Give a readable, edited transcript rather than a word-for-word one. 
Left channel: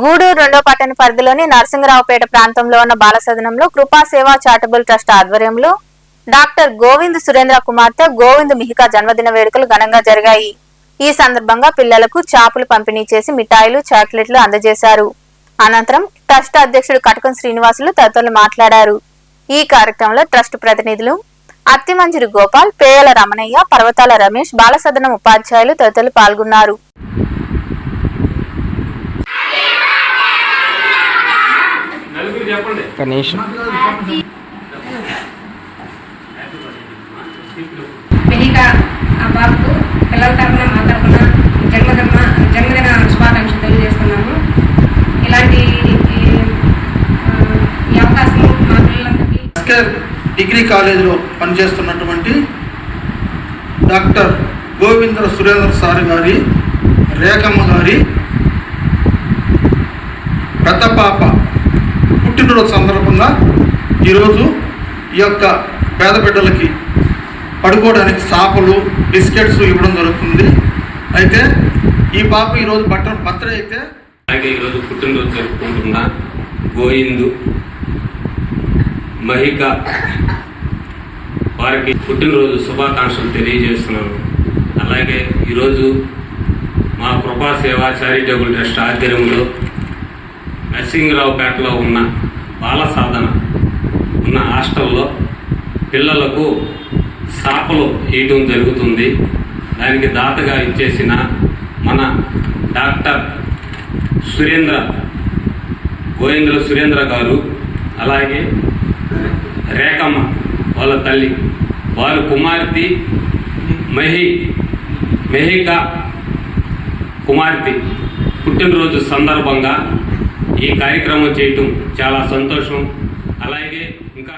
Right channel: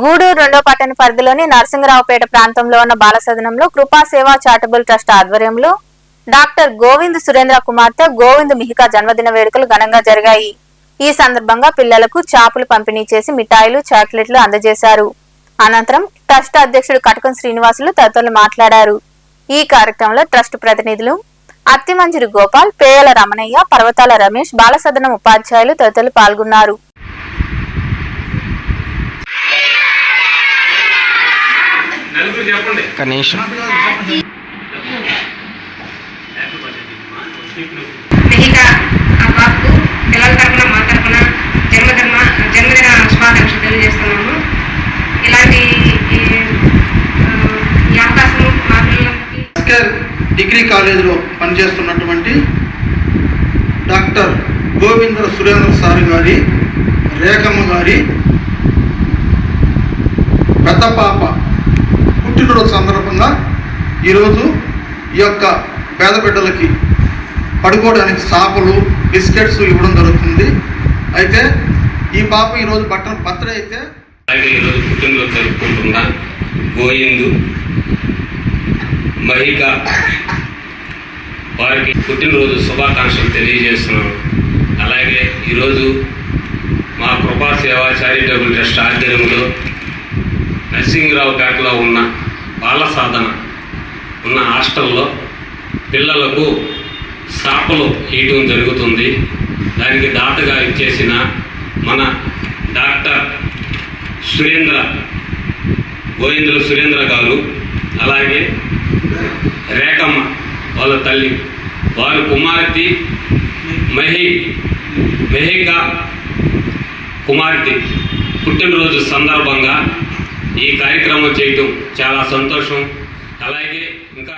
గూడూరు రెండో పట్టణ పరిధిలోని నరసింగరావుపేట ప్రాంతంలో ఉన్న బాలసదనంలో కృపా సేవా చారిటబుల్ ట్రస్ట్ ఆధ్వర్యంలో డాక్టర్ గోవింద్ సురేంద్ర కుమార్తె గోవింద్ మిహికా జన్మదిన వేడుకలు ఘనంగా జరిగాయి. ఈ సందర్భంగా పిల్లలకు చాపులు పంపిణీ చేసి మిఠాయిలు, చాక్లెట్లు అందజేశారు. అనంతరం ట్రస్ట్ అధ్యక్షుడు కటకం శ్రీనివాసులు తదితరులు మాట్లాడారు. ఈ కార్యక్రమంలో ట్రస్ట్ ప్రతినిధులు అత్తిమంజిరి గోపాల్, పేయల రమణయ్య, పర్వతాల రమేష్, బాలసదనం ఉపాధ్యాయులు తదితరులు పాల్గొన్నారు. మిహికా ఆ బాబుకు పిల్లల తరఫున మా తరఫున జన్మదిన శుభాకాంక్షలు తెలియజేస్తున్నాము. ఇలాంటి ఈ అవకాశం మా పిల్లలందరికీ డిగ్రీ కాలేజీలో పనిచేస్తున్నటువంటి డాక్టర్ గోవింద సురేంద్ర సార్ గారి, రేఖమ్మ గారి పెద్ద పాప పుట్టినరోజు సందర్భంగా ఈరోజు ఈ యొక్క పేద బిడ్డలకి పడుకోవడానికి సాపలు, బిస్కెట్స్ ఇవ్వడం జరుగుతుంది. అయితే ఈ పాప ఈరోజు బర్త్డే అయితే ఈరోజు పుట్టినరోజు జరుపుకుంటున్న గోవిందు మహిక వారికి పుట్టినరోజు శుభాకాంక్షలు తెలియజేస్తున్నాను. అలాగే ఈరోజు మా కృపా సేవా చారిటబుల్ ట్రస్ట్ ఆధ్వర్యంలో నరసింగరావుపేటలో ఉన్న బాల సాధన ఉన్న హాస్టల్లో పిల్లలకు సాపలు ఇవ్వడం జరుగుతుంది. దానికి దాతగా ఇచ్చేసిన మన డాక్టర్ గోవిందుల సురేంద్ర గారు, అలాగే రేఖమ్మ వాళ్ళ తల్లి, వారి కుమార్తె మహికా కుమార్తె పుట్టినరోజు సందర్భంగా ఈ కార్యక్రమం చేయటం చాలా సంతోషం. అలాగే ఇంకా